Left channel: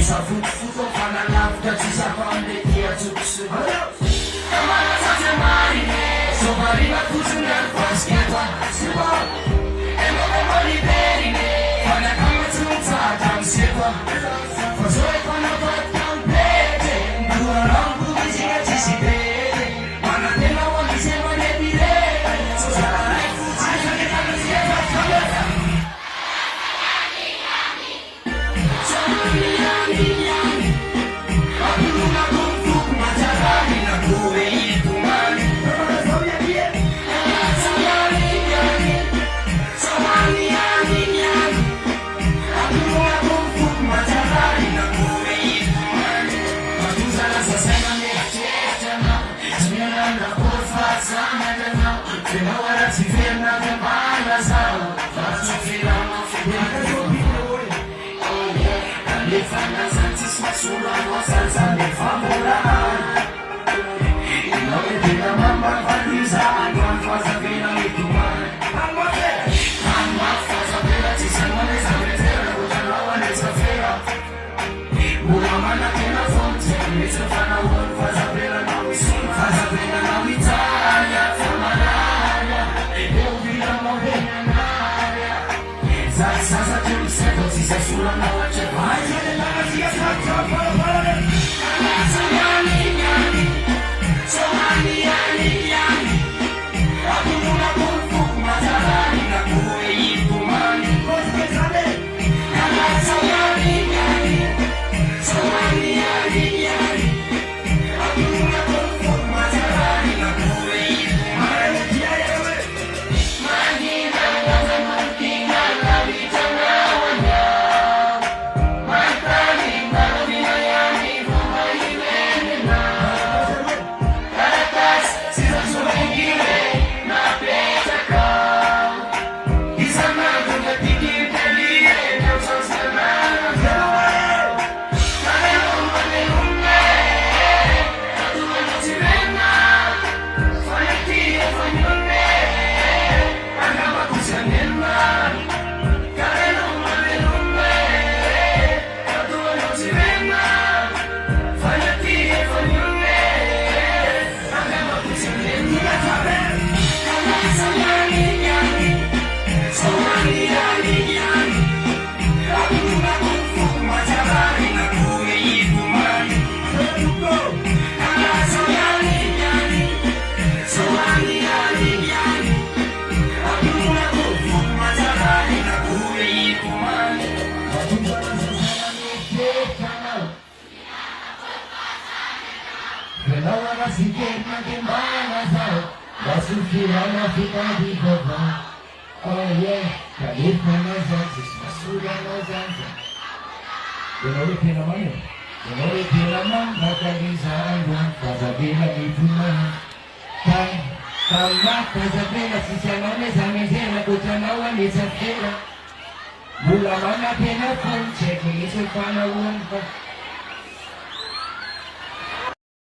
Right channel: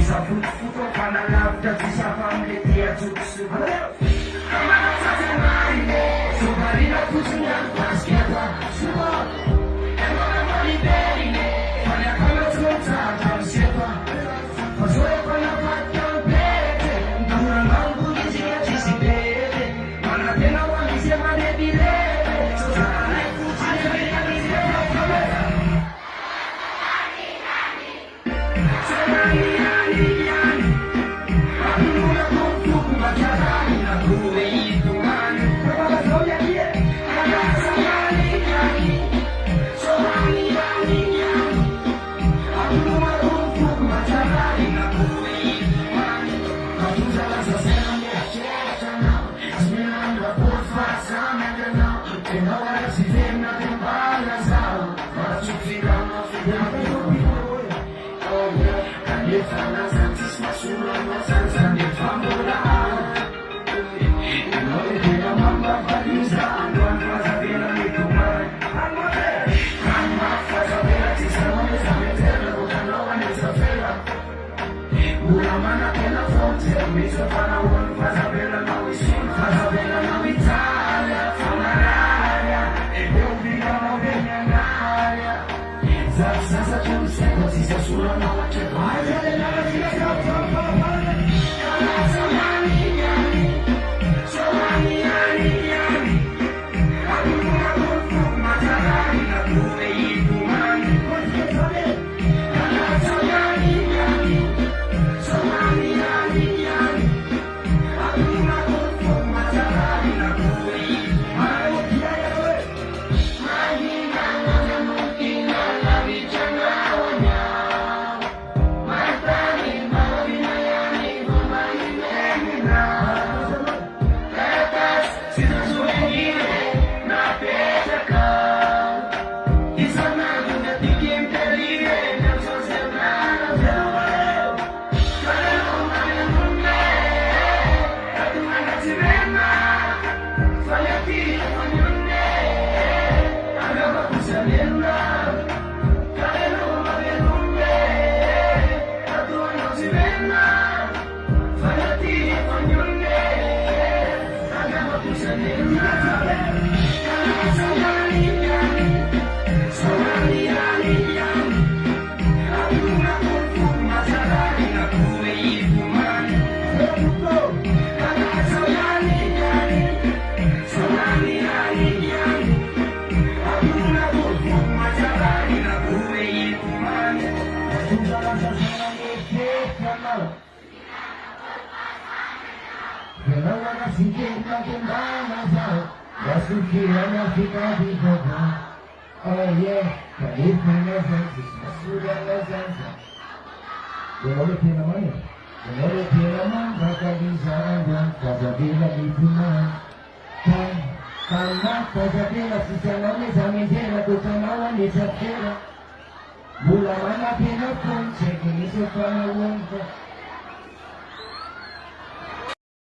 Isa futo kana lafta sisa pamdetia tutsu kama sasa mari so marina kusungar pasketa suba eno de mari berine kana kama tsunta tamseta faso kana patkan pete dura rambu dijinga chisibete mana tena wani sema de dire so sara fuji kana kana sieta kala Mula mana pena pun cek ini supaya